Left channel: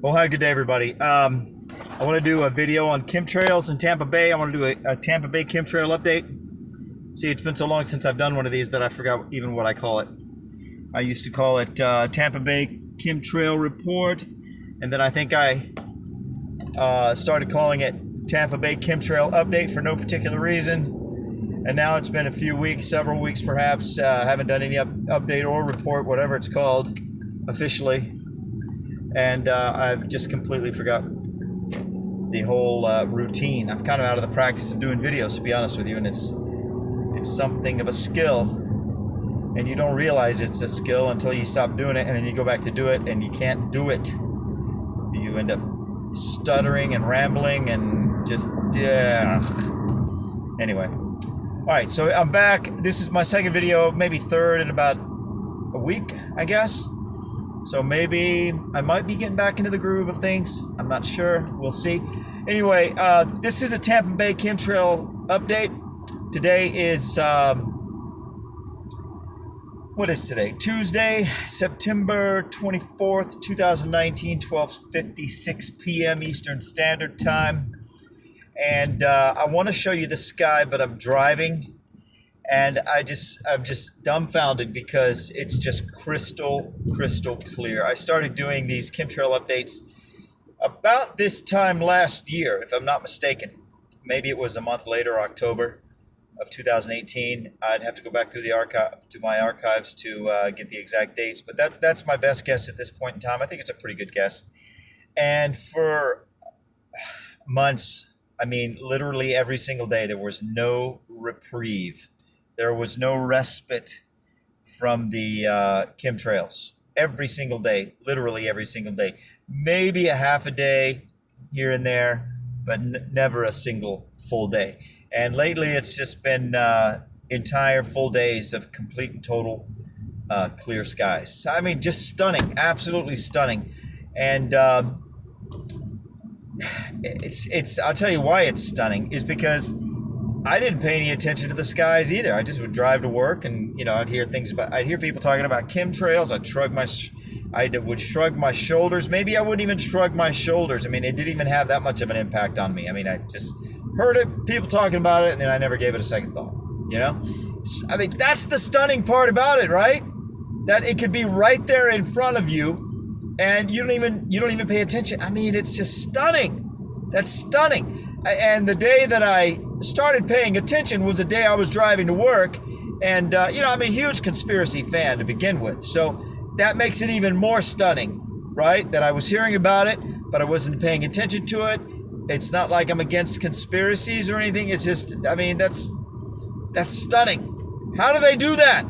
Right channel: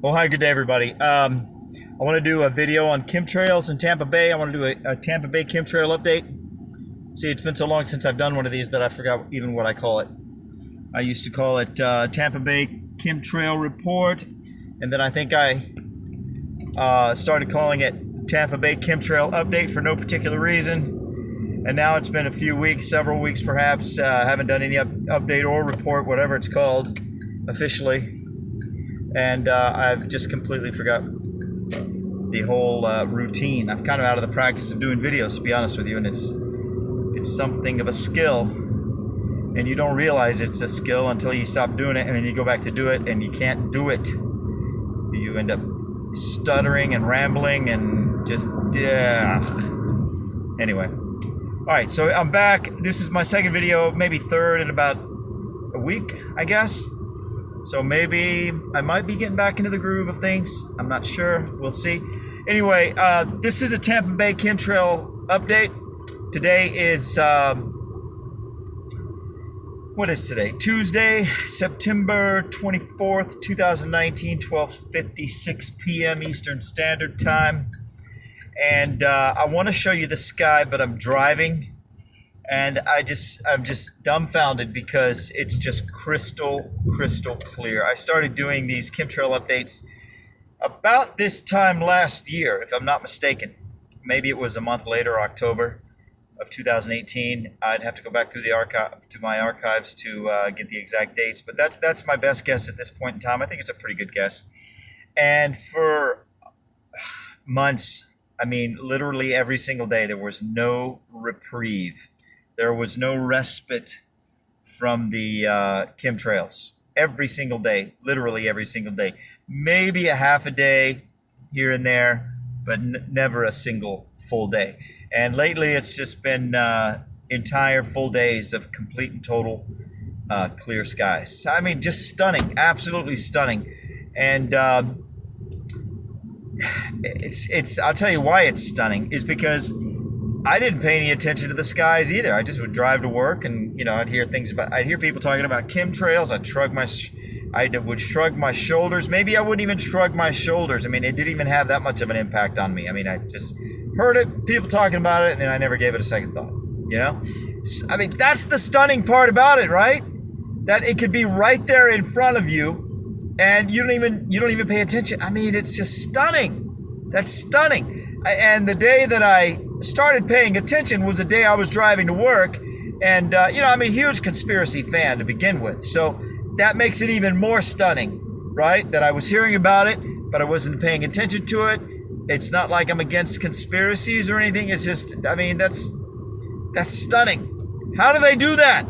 Well, hi, good day, everybody. I want to do a video on chemtrails in Tampa Bay. I want to do a Tampa Bay chemtrail update. See, it's been so long since I've done one of these that I forgot even what I call it. I used to call it Tampa Bay Chemtrail Report, and then I think I started calling it Tampa Bay Chemtrail Update for no particular reason. And now it's been a few weeks, several weeks perhaps. Haven't done any update or report, whatever it's called officially. And I've just completely forgot the whole routine. I'm kind of out of the practice of doing videos, to be honest with you, and it's something of a skill, and you don't realize it's a skill until you stop doing it, and then you go back to do it, and you can't do it. You end up stuttering and rambling and just anyway. All right, so I'm back. This is my second video, maybe third in about a week, I guess. So maybe I might be getting back into the groove of things. I'm not sure. We'll see. Anyway, this is a Tampa Bay chemtrail update. Today is, what is today? Tuesday, September 24th, 2019, 12:56 p.m. Eastern Standard Time. And I want to show you the sky, but I'm driving. And I'm just dumbfounded because it's just crystal clear. I started doing these chemtrail updates about this time last year, if I'm not mistaken. Maybe it was a month later, October of 2018. I'd have to go back through my archives to get the exact dates, but that's my best guess at this point in time. I think it's a pretty good guess. And for months, I mean, literally every single day, there was no reprieve. There was no respite from the chemtrails. Every single day, literally every single day. Maybe a half a day here and there, but never a single full day. And lately, it's just been entire full days of complete and total clear skies. I mean, just stunning, absolutely stunning. And I'll tell you why it's stunning is because I didn't pay any attention to the skies either. I just would drive to work, and I'd hear people talking about chemtrails. I would shrug my shoulders. Maybe I wouldn't even shrug my shoulders. I mean, it didn't even have that much of an impact on me. I mean, I just heard it, people talking about it, and then I never gave it a second thought. I mean, that's the stunning part about it, right? That it could be right there in front of you, and you don't even pay attention. I mean, it's just stunning. That's stunning. And the day that I started paying attention was the day I was driving to work. And, I'm a huge conspiracy fan to begin with. So that makes it even more stunning, right? That I was hearing about it, but I wasn't paying attention to it. It's not like I'm against conspiracies or anything. It's just, I mean, that's stunning. How do they do that?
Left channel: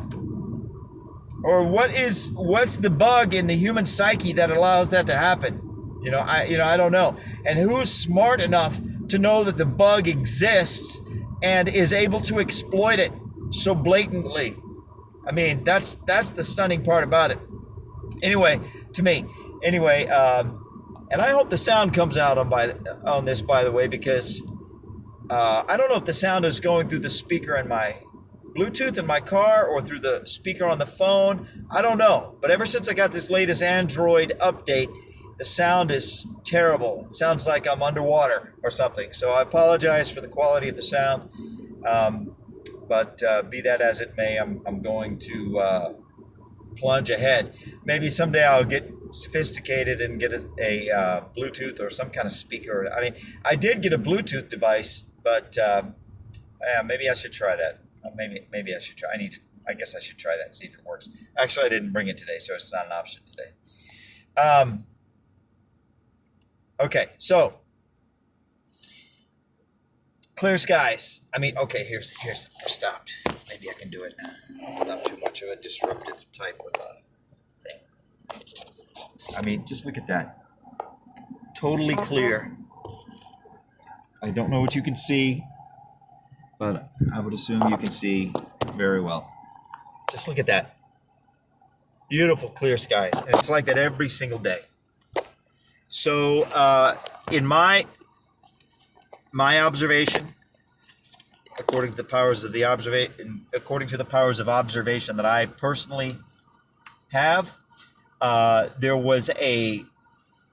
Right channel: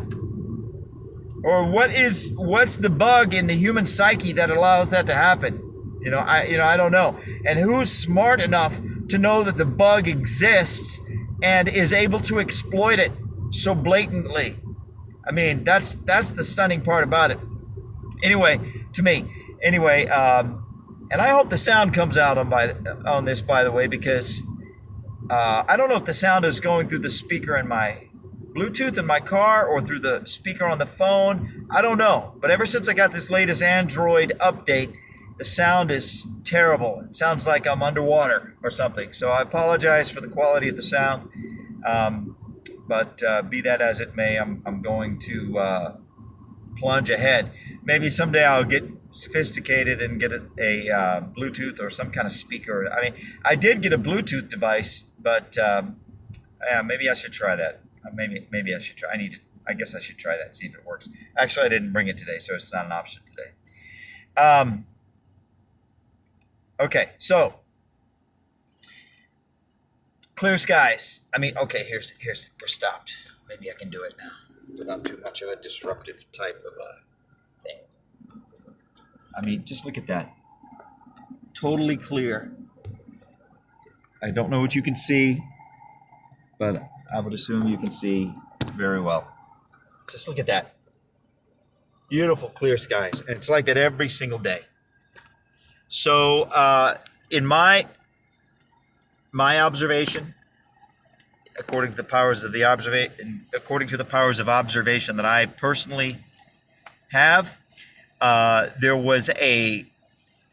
Or what's the bug in the human psyche that allows that to happen? I don't know. And who's smart enough to know that the bug exists and is able to exploit it so blatantly? I mean, that's the stunning part about it. Anyway, to me. Anyway, and I hope the sound comes out on this, by the way, because I don't know if the sound is going through the speaker in my Bluetooth in my car or through the speaker on the phone. I don't know. But ever since I got this latest Android update, the sound is terrible. It sounds like I'm underwater or something. So I apologize for the quality of the sound. But be that as it may, I'm going to plunge ahead. Maybe someday I'll get sophisticated and get a Bluetooth or some kind of speaker. I mean, I did get a Bluetooth device, but maybe I should try that. Maybe I should try. I guess I should try that and see if it works. Actually, I didn't bring it today, so it's not an option today. Okay, so clear skies. I mean, okay, here's we're stopped. Maybe I can do it now without too much of a disruptive type of thing. I mean, just look at that. Totally clear. I don't know what you can see, but I would assume you can see very well. Just look at that. Beautiful clear skies. And it's like that every single day. So in my observation, according to the powers of observation that I personally have, there was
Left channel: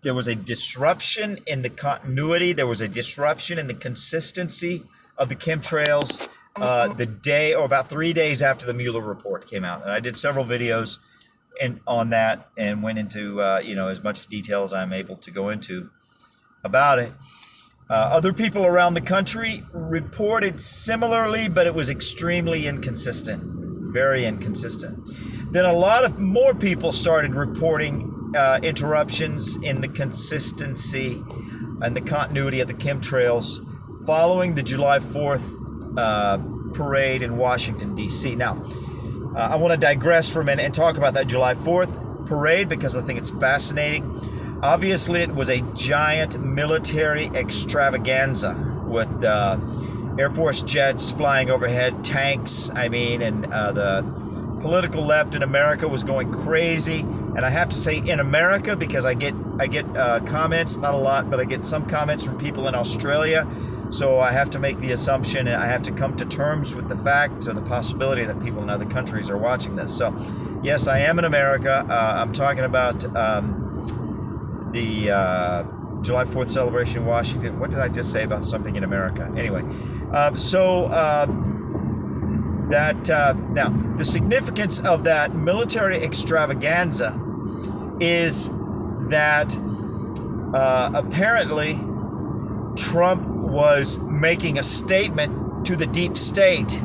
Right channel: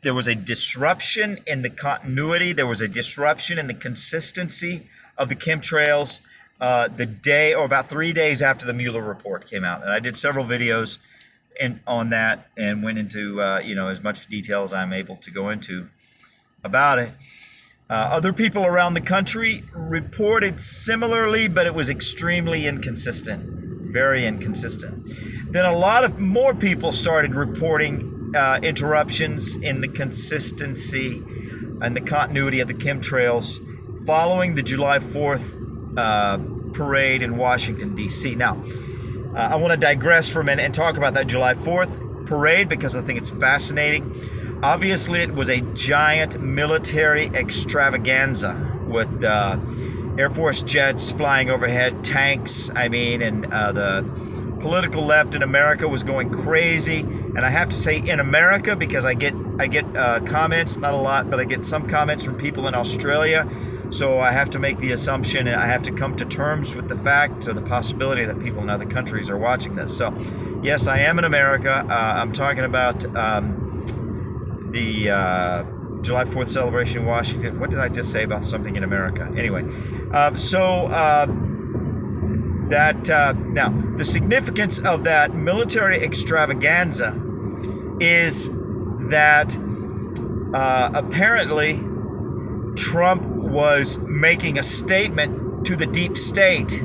there was a disruption in the continuity. There was a disruption in the consistency of the chemtrails the day or about 3 days after the Mueller report came out. And I did several videos on that and went into as much detail as I'm able to go into about it. Other people around the country reported similarly, but it was extremely inconsistent, very inconsistent. Then a lot of more people started reporting interruptions in the consistency and the continuity of the chemtrails following the July 4th parade in Washington, D.C. Now, I want to digress for a minute and talk about that July 4th parade because I think it's fascinating. Obviously, it was a giant military extravaganza with Air Force jets flying overhead, tanks, and the political left in America was going crazy. And I have to say in America because I get comments, not a lot, but I get some comments from people in Australia. So I have to make the assumption and I have to come to terms with the fact or the possibility that people in other countries are watching this. So yes, I am in America. I'm talking about the July 4th celebration in Washington. What did I just say about something in America? Anyway, now the significance of that military extravaganza is that apparently Trump was making a statement to the deep state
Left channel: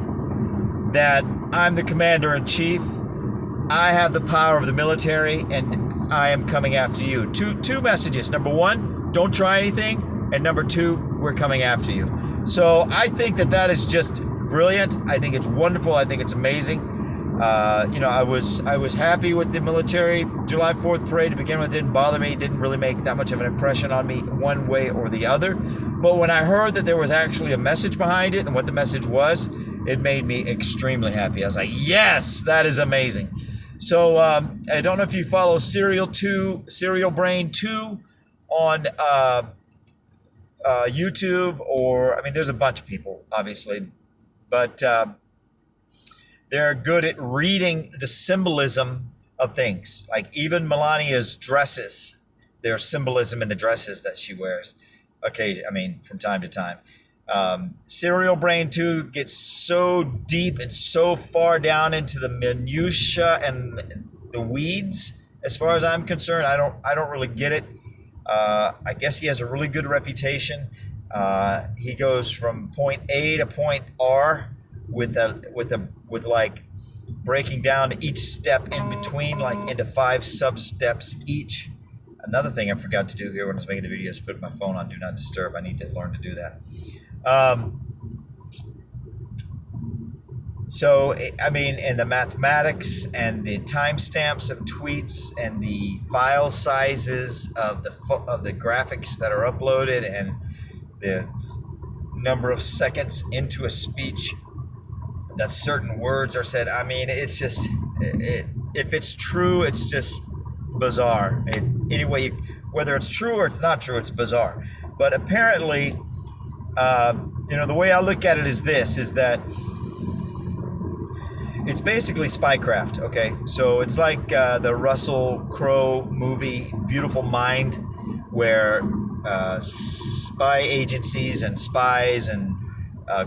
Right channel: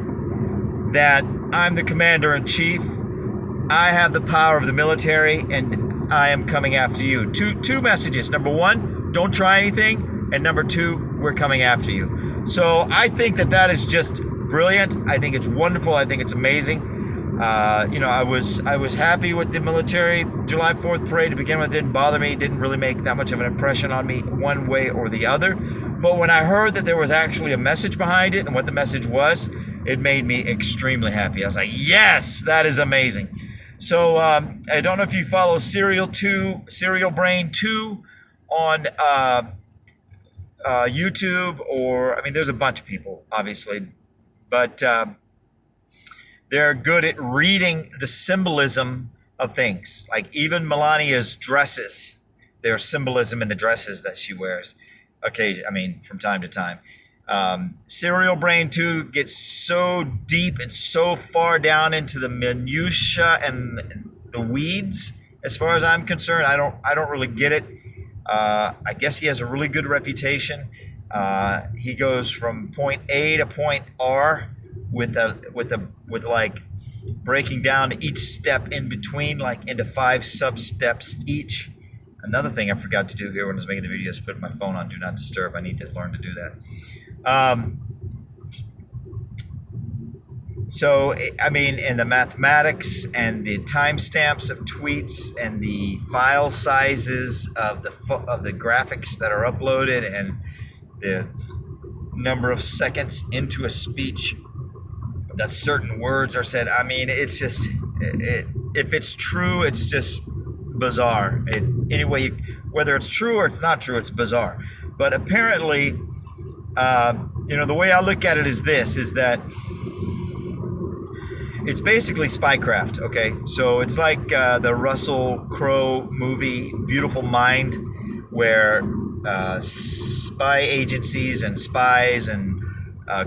that I'm the commander-in-chief, I have the power of the military, and I am coming after you. Two messages. Number one, don't try anything, and number two, we're coming after you. So I think that is just brilliant. I think it's wonderful. I think it's amazing. I was happy with the military July 4th parade to begin with. It didn't bother me. It didn't really make that much of an impression on me one way or the other. But when I heard that there was actually a message behind it and what the message was, it made me extremely happy. I was like, yes, that is amazing. So I don't know if you follow Serial Brain 2 on YouTube there's a bunch of people, obviously, but they're good at reading the symbolism of things. Like even Melania's dresses, there's symbolism in the dresses that she wears. From time to time. Serial Brain 2 gets so deep and so far down into the minutia and the weeds. As far as I'm concerned, I don't really get it. I guess he has a really good reputation. He goes from point A to point R with like breaking down each step in between, like into 5 sub steps each. Another thing I forgot to do here when I was making the video is put my phone on Do Not Disturb. I need to learn to do that. And the mathematics and the timestamps of tweets and the file sizes of the graphics that are uploaded and the number of seconds into a speech that certain words are said. It's just, if it's true, it's just bizarre. Whether it's true or it's not true, it's bizarre. But apparently, the way I look at it is that it's basically spycraft, okay? So it's like the Russell Crowe movie, Beautiful Mind, where spy agencies and spies and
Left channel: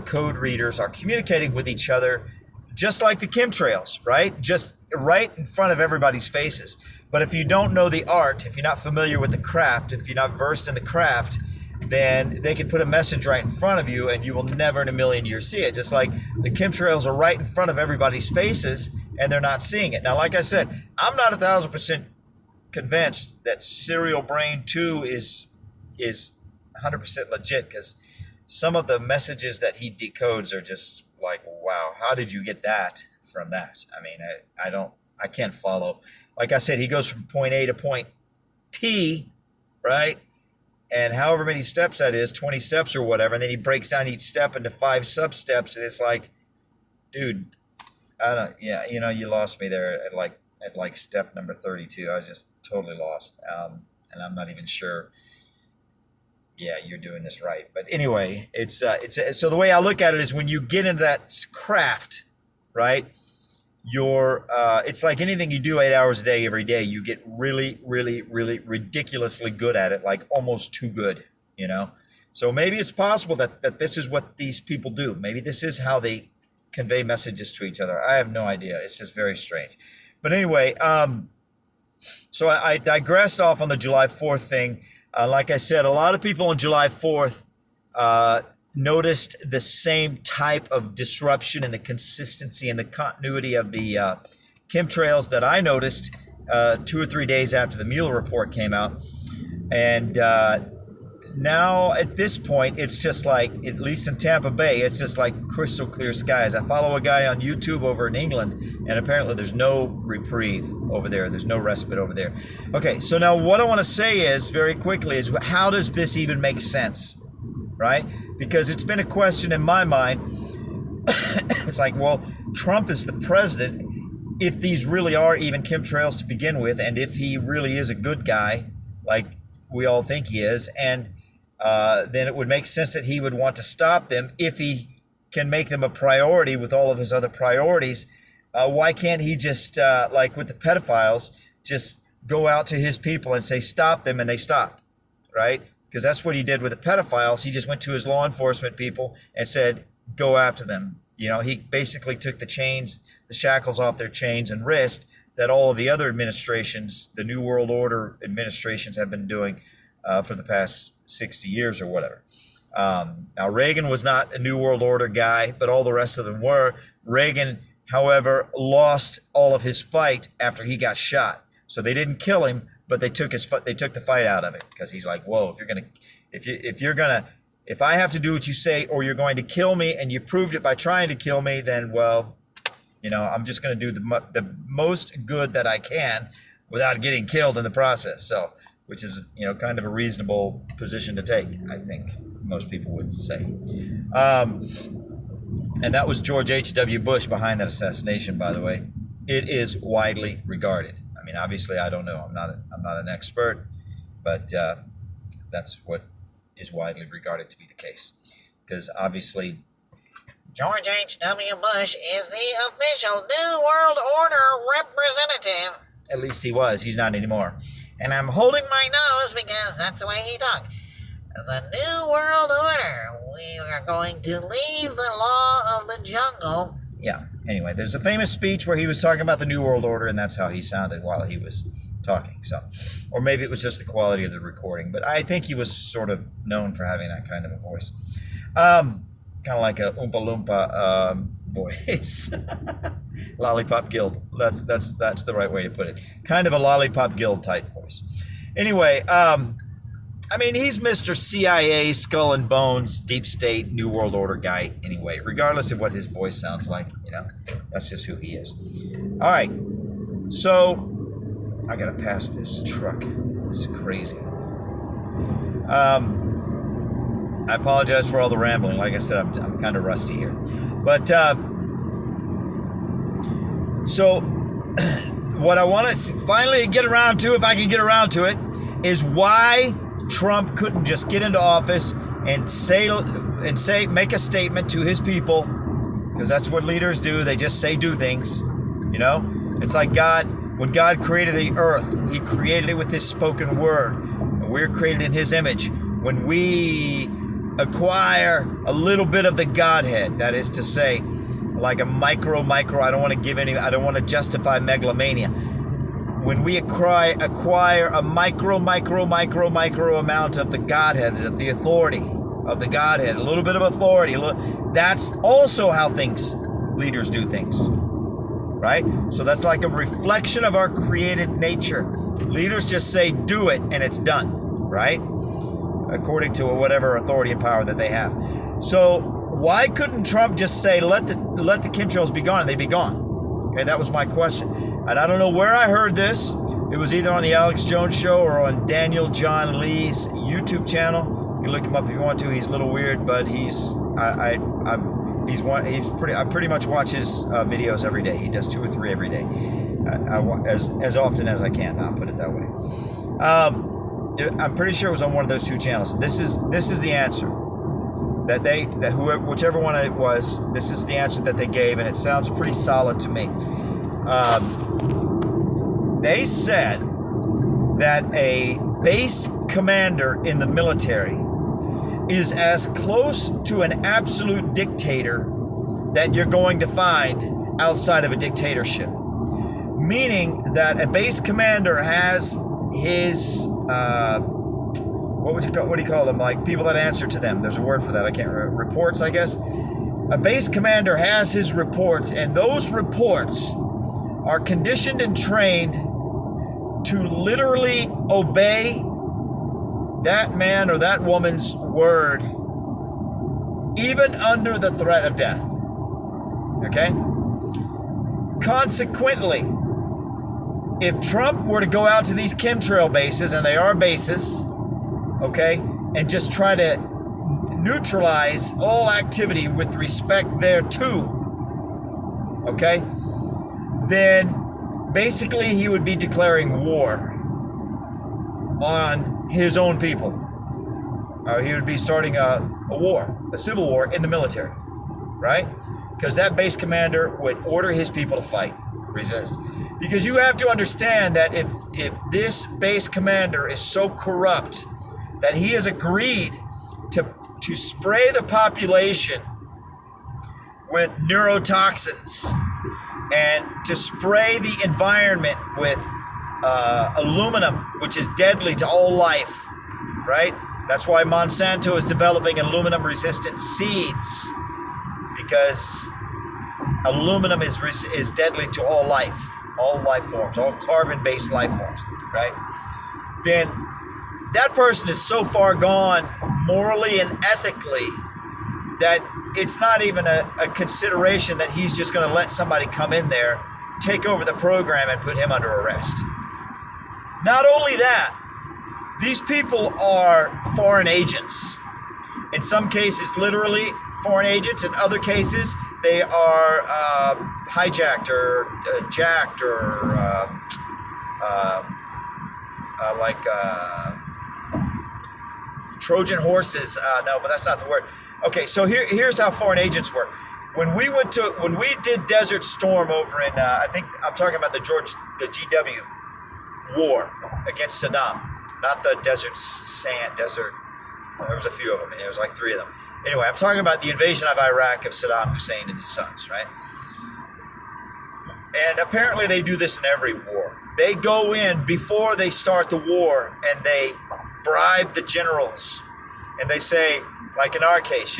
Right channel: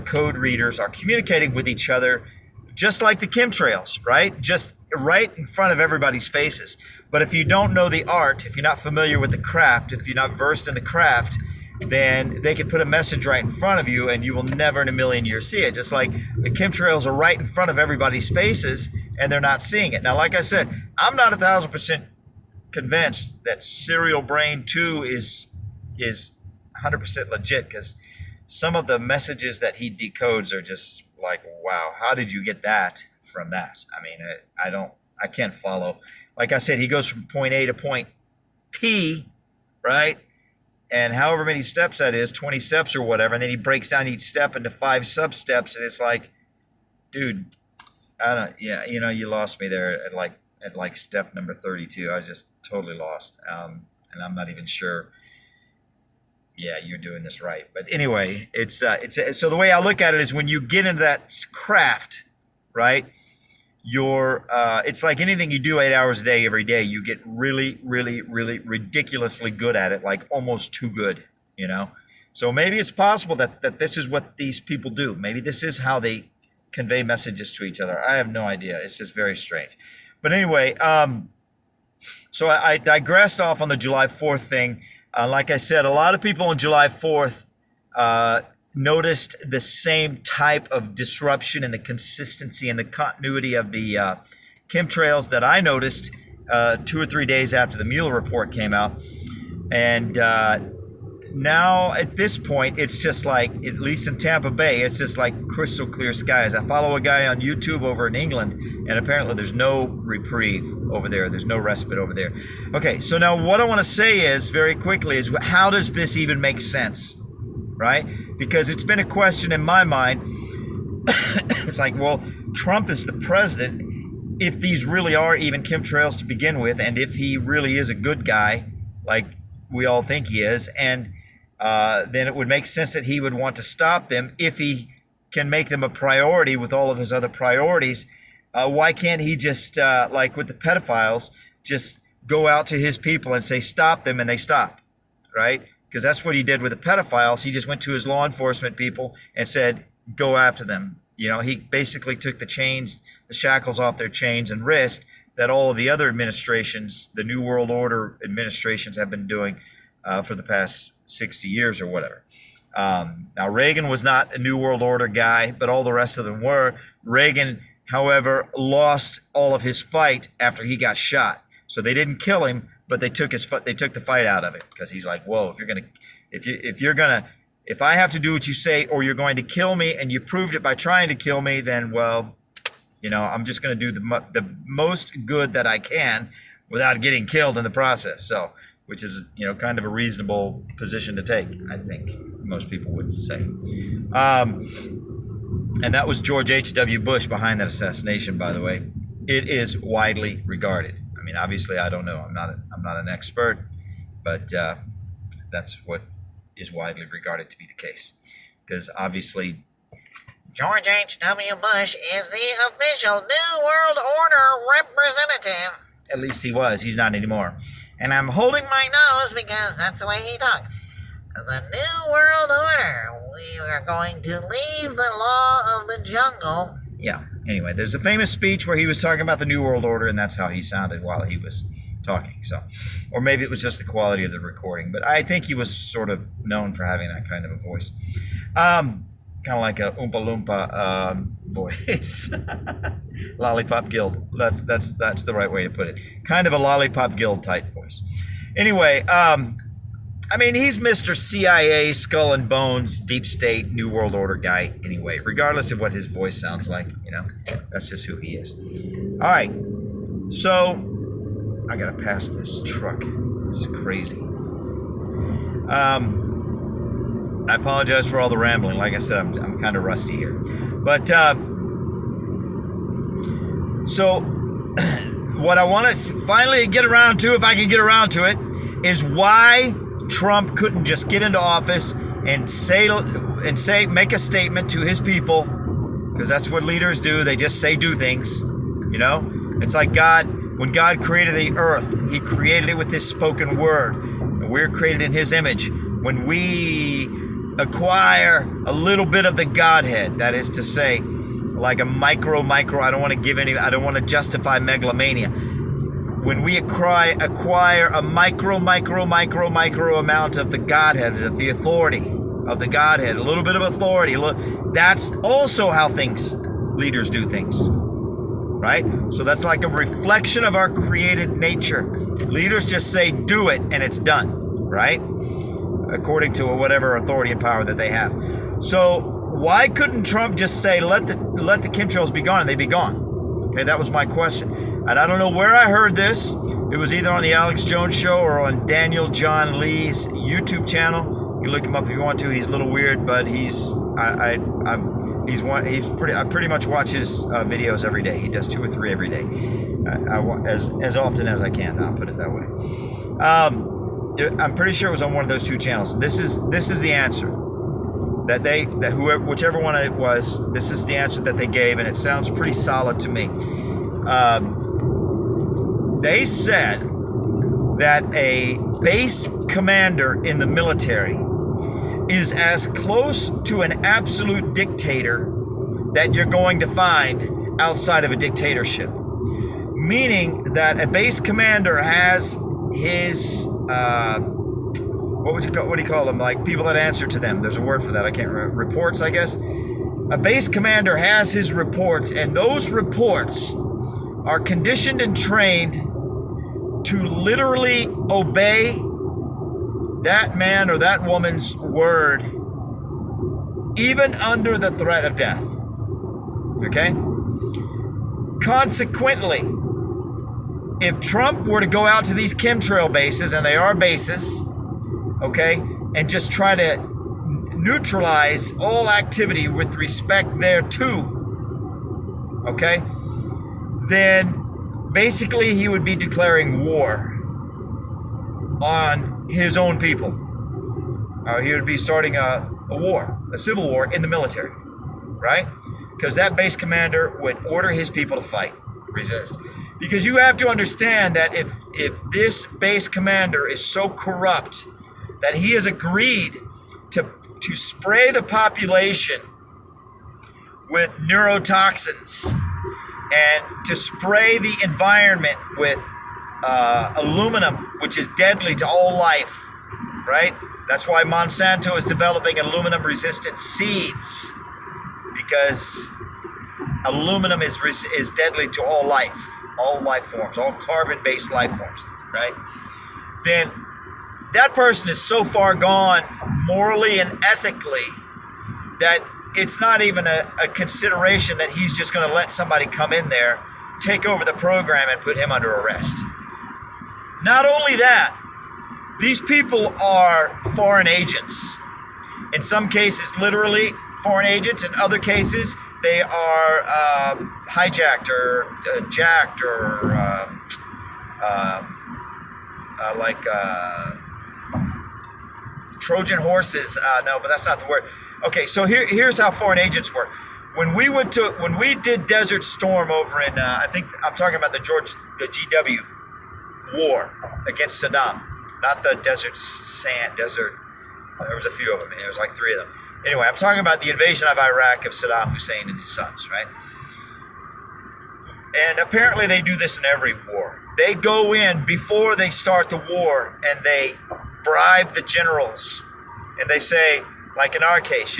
code readers are communicating with each other, just like the chemtrails, right? Just right in front of everybody's faces. But if you don't know the art, if you're not familiar with the craft, if you're not versed in the craft, then they can put a message right in front of you and you will never in a million years see it. Just like the chemtrails are right in front of everybody's faces and they're not seeing it. Now, like I said, I'm not 1,000% convinced that Serial Brain 2 is 100% legit, because some of the messages that he decodes are just like, wow, how did you get that from that? I can't follow. Like I said, he goes from point A to point P, right? And however many steps that is, 20 steps or whatever, and then he breaks down each step into 5 sub-steps, and it's like, dude, you lost me there at like step number 32. I was just totally lost, and I'm not even sure. Yeah, you're doing this right. But anyway, it's so the way I look at it is when you get into that craft, right? it's like anything you do 8 hours a day every day, you get really, really, really ridiculously good at it, like almost too good, you know? So maybe it's possible that this is what these people do. Maybe this is how they convey messages to each other. I have no idea. It's just very strange. But anyway, so I digressed off on the July 4th thing. Like I said, a lot of people on July 4th noticed the same type of disruption and the consistency and the continuity of the chemtrails that I noticed 2 or 3 days after the Mueller report came out. And now at this point, it's just like, at least in Tampa Bay, it's just like crystal clear skies. I follow a guy on YouTube over in England, and apparently there's no reprieve over there. There's no respite over there. Okay, so now what I want to say is, very quickly, is how does this even make sense, right? Because it's been a question in my mind. It's like, well, Trump is the president. If these really are even chemtrails to begin with, and if he really is a good guy, like we all think he is, and then it would make sense that he would want to stop them if he can make them a priority with all of his other priorities. Why can't he just, like with the pedophiles, just go out to his people and say, stop them, and they stop, right? Because that's what he did with the pedophiles. He just went to his law enforcement people and said, go after them. You know, he basically took the chains, the shackles off their chains and wrist that all of the other administrations, the New World Order administrations, have been doing for the past 60 years or whatever. Now, Reagan was not a New World Order guy, but all the rest of them were. Reagan, however, lost all of his fight after he got shot. So they didn't kill him, but they took the fight out of it, because he's like, whoa, if I have to do what you say, or you're going to kill me, and you proved it by trying to kill me, then, well, you know, I'm just going to do the most good that I can without getting killed in the process. So, which is, you know, kind of a reasonable position to take, I think most people would say. And that was George H.W. Bush behind that assassination, by the way. It is widely regarded. I mean, obviously, I don't know. I'm not an expert, but that's what is widely regarded to be the case. Because obviously, George H.W. Bush is the official New World Order representative. At least he was. He's not anymore. And I'm holding my nose because that's the way he talked. The New World Order. We are going to leave the law of the jungle. Yeah. Anyway, there's a famous speech where he was talking about the New World Order, and that's how he sounded while he was talking. So, or maybe it was just the quality of the recording, but I think he was sort of known for having that kind of a voice. Kind of like a Oompa Loompa voice. Lollipop Guild. That's the right way to put it. Kind of a Lollipop Guild type voice. Anyway, I mean, he's Mr. CIA, skull and bones, deep state, New World Order guy anyway, regardless of what his voice sounds like, you know. That's just who he is. All right. So, I got to pass this truck. This is crazy. I apologize for all the rambling. Like I said, I'm kind of rusty here. But, so, what I want to finally get around to, if I can get around to it, is why Trump couldn't just get into office and make a statement to his people, because that's what leaders do. They just do things, you know? It's like God, when God created the earth, he created it with his spoken word, and we're created in his image. When we acquire a little bit of the Godhead, that is to say, like a micro, I don't want to justify megalomania. When we acquire a micro amount of the Godhead, of the authority of the Godhead, a little bit of authority, that's also how leaders do things, right? So that's like a reflection of our created nature. Leaders just say, do it, and it's done, right? According to whatever authority and power that they have. So why couldn't Trump just say, let the chemtrails be gone, and they'd be gone? Okay, that was my question. And I don't know where I heard this. It was either on the Alex Jones Show or on Daniel John Lee's YouTube channel. You can look him up if you want to. He's a little weird, but I pretty much watch his videos every day. He does 2 or 3 every day, as often as I can. I'll put it that way. I'm pretty sure it was on one of those 2 channels. This is the answer whichever one it was. This is the answer that they gave, and it sounds pretty solid to me. They said that a base commander in the military is as close to an absolute dictator that you're going to find outside of a dictatorship. Meaning that a base commander has his, what do you call them? Like people that answer to them. There's a word for that. I can't remember. Reports, I guess. A base commander has his reports, and those reports are conditioned and trained to literally obey that man or that woman's word, even under the threat of death. Okay? Consequently, if Trump were to go out to these chemtrail bases, and they are bases, okay, and just try to neutralize all activity with respect thereto, okay, then basically he would be declaring war on his own people. Or he would be starting a war, a civil war in the military, right? Because that base commander would order his people to fight, resist. Because you have to understand that if this base commander is so corrupt that he has agreed to spray the population with neurotoxins and to spray the environment with aluminum, which is deadly to all life, right? That's why Monsanto is developing aluminum-resistant seeds, because aluminum is deadly to all life forms, all carbon-based life forms, right? Then that person is so far gone morally and ethically that it's not even a consideration that he's just going to let somebody come in there, take over the program, and put him under arrest. Not only that, these people are foreign agents. In some cases, literally foreign agents. In other cases, they are hijacked or jacked or Trojan horses. No, but that's not the word. Okay, so here's how foreign agents work. When we did Desert Storm over in, I think I'm talking about the GW war against Saddam, not the Desert. There was a few of them. It was like 3 of them. Anyway, I'm talking about the invasion of Iraq of Saddam Hussein and his sons, right? And apparently they do this in every war. They go in before they start the war and they bribe the generals. And they say, like in our case,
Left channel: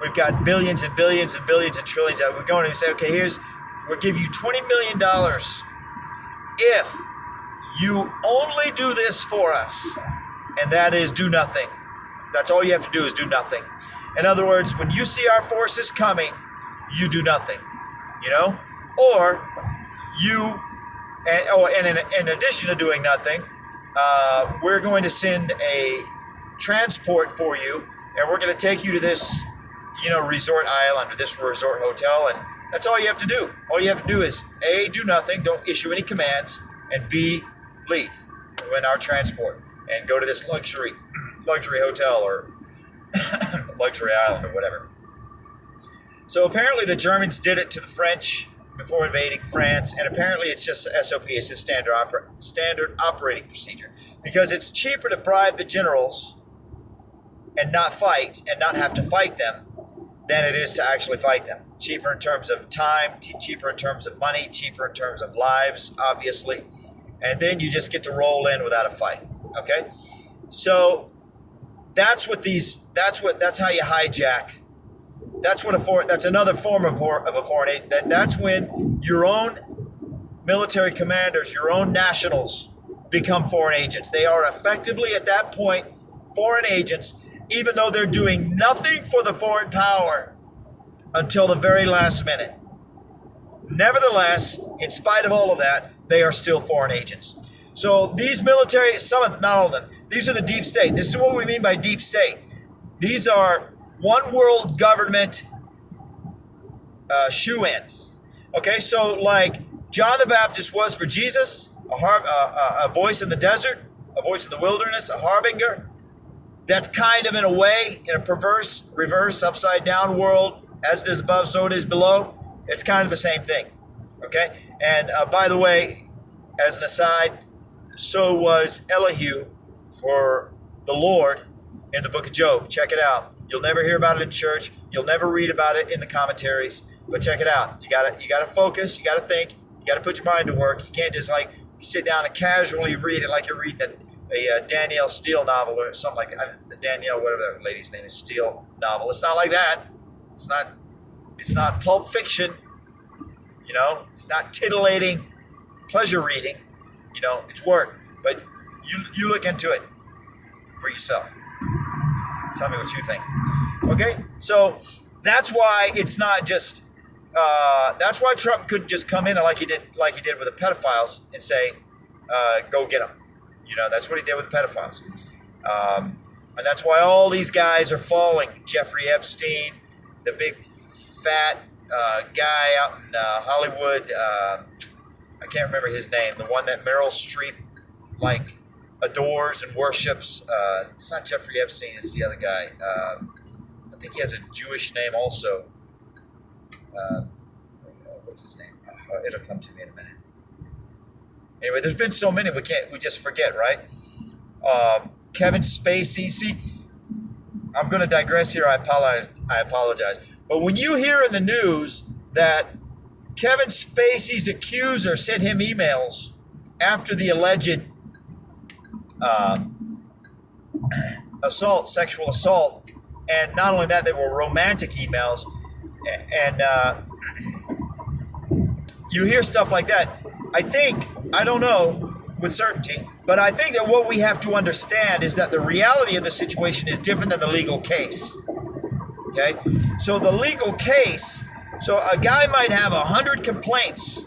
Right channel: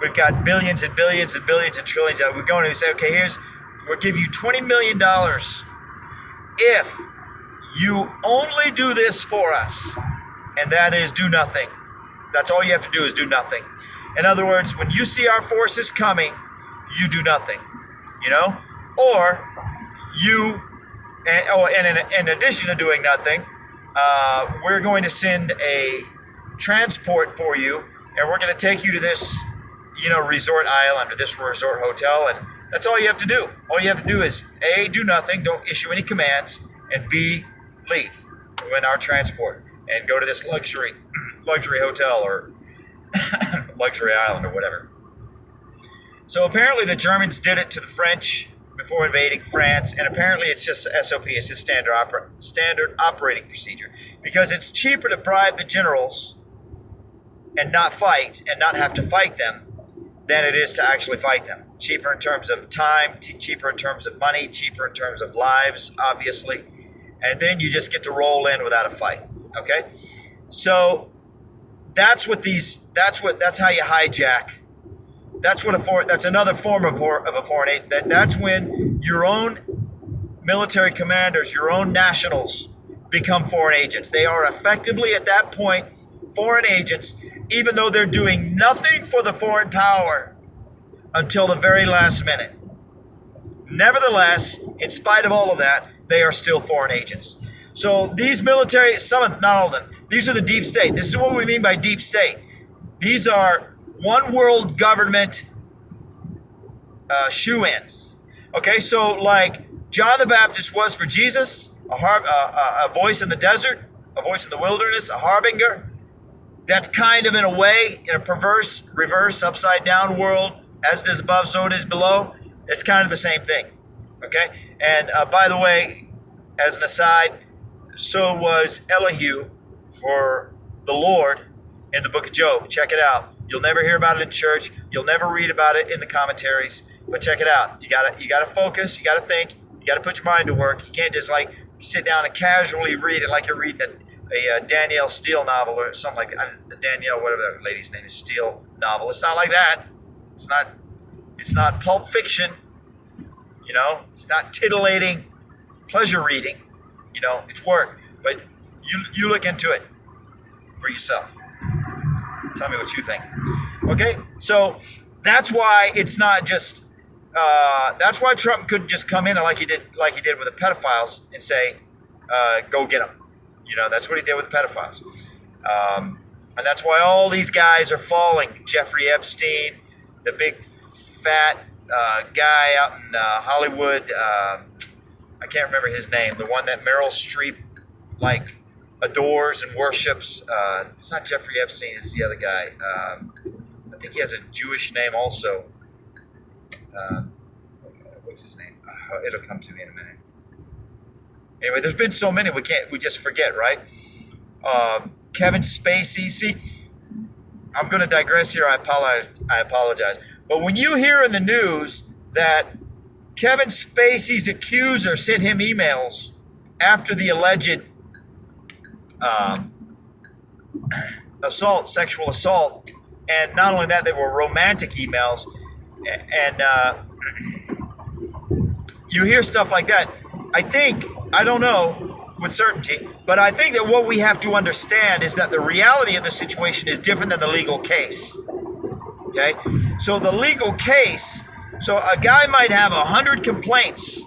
we've got billions and billions and billions and trillions. We go in and we say, okay, we'll give you $20 million if you only do this for us. And that is do nothing. That's all you have to do is do nothing. In other words, when you see our forces coming, you do nothing, or you, and in addition to doing nothing, we're going to send a transport for you, and we're going to take you to this, resort island or this resort hotel, and that's all you have to do. All you have to do is A, do nothing, don't issue any commands, and B, leave in our transport and go to this luxury hotel or luxury island or whatever. So apparently the Germans did it to the French before invading France, and apparently it's just SOP, it's just standard operating procedure, because it's cheaper to bribe the generals and not fight and not have to fight them than it is to actually fight them. Cheaper in terms of time, cheaper in terms of money, cheaper in terms of lives, obviously, and then you just get to roll in without a fight. Okay, so that's how you hijack. That's another form of a foreign agent. That's when your own military commanders, your own nationals, become foreign agents. They are effectively at that point foreign agents, even though they're doing nothing for the foreign power until the very last minute. Nevertheless, in spite of all of that, they are still foreign agents. So these military, not all of them, these are the deep state. This is what we mean by deep state. These are one world government shoe-ins. Okay, so like John the Baptist was for Jesus, a voice in the desert, a voice in the wilderness, a harbinger. That's kind of in a way, in a perverse, reverse, upside down world, as it is above, so it is below. It's kind of the same thing. Okay? And by the way, as an aside, so was Elihu for the Lord in the book of Job. Check it out. You'll never hear about it in church. You'll never read about it in the commentaries. But check it out. You gotta focus. You gotta think. You gotta put your mind to work. You can't just like sit down and casually read it like you're reading a Danielle Steele novel or something like that. Danielle, whatever that lady's name is, Steele novel. It's not like that. It's not pulp fiction. You know, it's not titillating pleasure reading. You know, it's work. But you look into it for yourself. Tell me what you think. Okay, so that's why it's not just. That's why Trump couldn't just come in like he did with the pedophiles and say, "Go get them." You know, that's what he did with the pedophiles, and that's why all these guys are falling. Jeffrey Epstein, the big fat guy out in Hollywood. I can't remember his name. The one that Meryl Streep like adores and worships. It's not Jeffrey Epstein. It's the other guy. I think he has a Jewish name also. What's his name? It'll come to me in a minute. Anyway, there's been so many we just forget, right? Kevin Spacey. See, I'm going to digress here. I apologize. But when you hear in the news that Kevin Spacey's accuser sent him emails after the alleged sexual assault, and not only that, they were romantic emails, and you hear stuff like that. I don't know with certainty, but I think that what we have to understand is that the reality of the situation is different than the legal case. Okay, so the legal case, so a guy might have 100 complaints,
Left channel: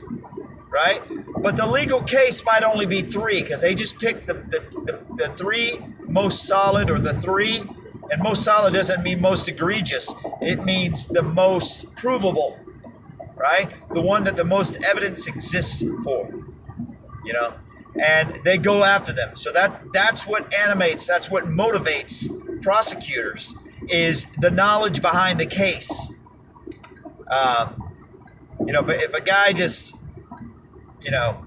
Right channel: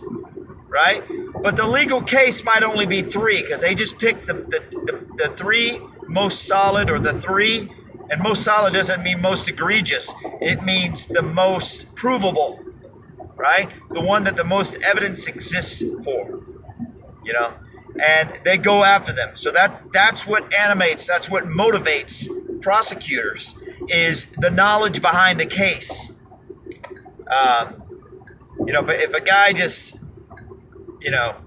right? But the legal case might only be 3 because they just picked the 3 most solid, or the 3, and most solid doesn't mean most egregious. It means the most provable, right? The one that the most evidence exists for, you know? And they go after them. So that's what animates, that's what motivates prosecutors, is the knowledge behind the case. You know, if a guy just, you know,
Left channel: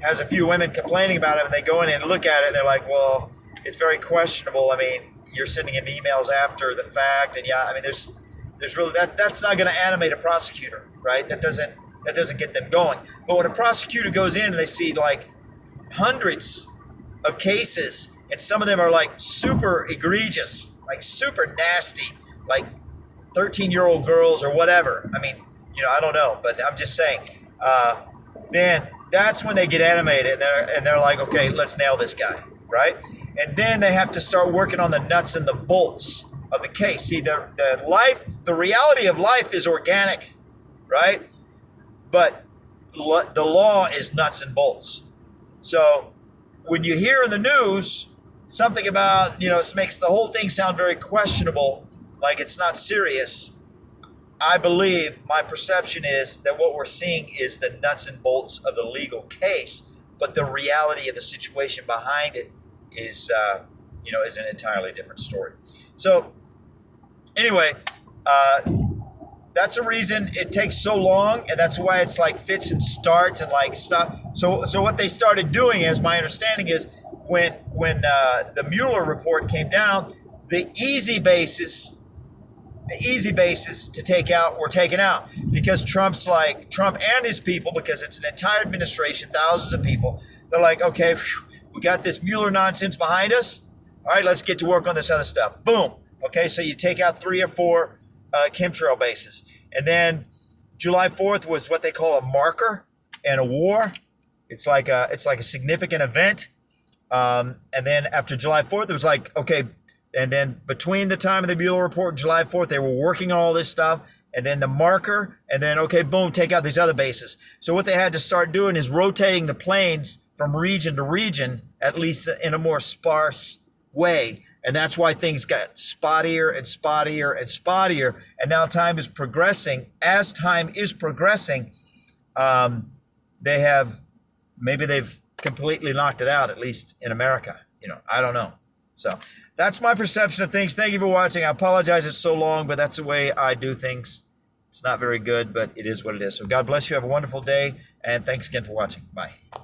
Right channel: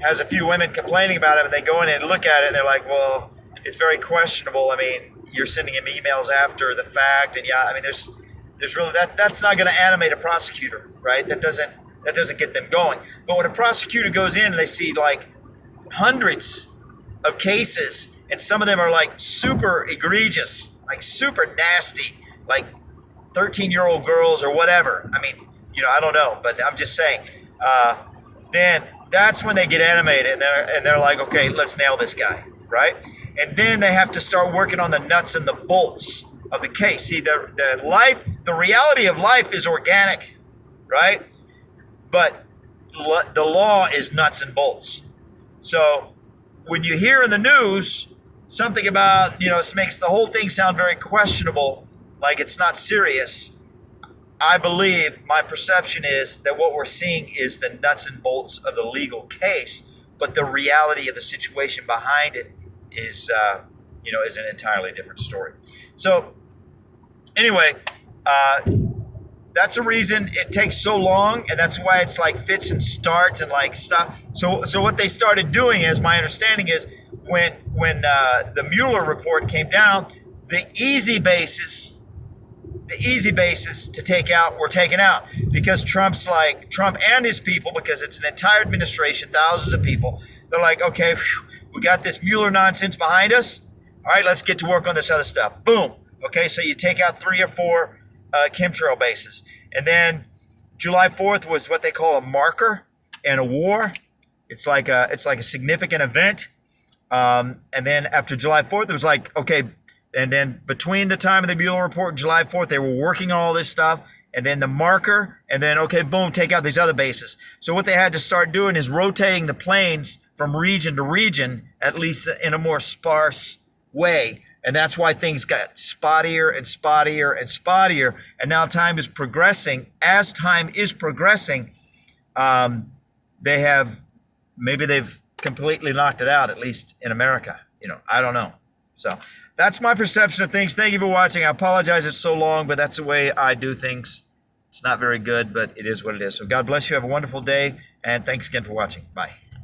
has a few women complaining about him and they go in and look at it and they're like, well, it's very questionable. I mean, you're sending him emails after the fact, and yeah, I mean, there's really that's not going to animate a prosecutor, right? That doesn't get them going. But when a prosecutor goes in and they see like hundreds of cases, and some of them are like super egregious, like super nasty, like 13-year-old girls or whatever. I mean, you know, I don't know, but I'm just saying. Then that's when they get animated, and they're like, okay, let's nail this guy, right? And then they have to start working on the nuts and the bolts of the case. See, the reality of life is organic, right? But the law is nuts and bolts. So when you hear in the news something about, you know, it makes the whole thing sound very questionable, like it's not serious, I believe, my perception is that what we're seeing is the nuts and bolts of the legal case, but the reality of the situation behind it is, you know, is an entirely different story. So anyway, that's the reason it takes so long, and that's why it's like fits and starts and like stuff. So what they started doing, as my understanding is, when the Mueller report came down, the easy bases to take out were taken out, because Trump and his people, because it's an entire administration, thousands of people, they're like, okay, we got this Mueller nonsense behind us. All right, let's get to work on this other stuff. Boom. Okay, so you take out 3 or 4 ChemTrail bases. And then July 4th was what they call a marker in a war. It's like a significant event. And then after July 4th, it was like, okay, and then between the time of the Mueller report and July 4th, they were working on all this stuff. And then the marker, and then, okay, boom, take out these other bases. So what they had to start doing is rotating the planes from region to region, at least in a more sparse way. And that's why things got spottier and spottier and spottier. And now time is progressing. As time is progressing, they've completely knocked it out, at least in America. You know, I don't know. So that's my perception of things. Thank you for watching. I apologize it's so long, but that's the way I do things. It's not very good, but it is what it is. So God bless you. Have a wonderful day, and thanks again for watching. Bye.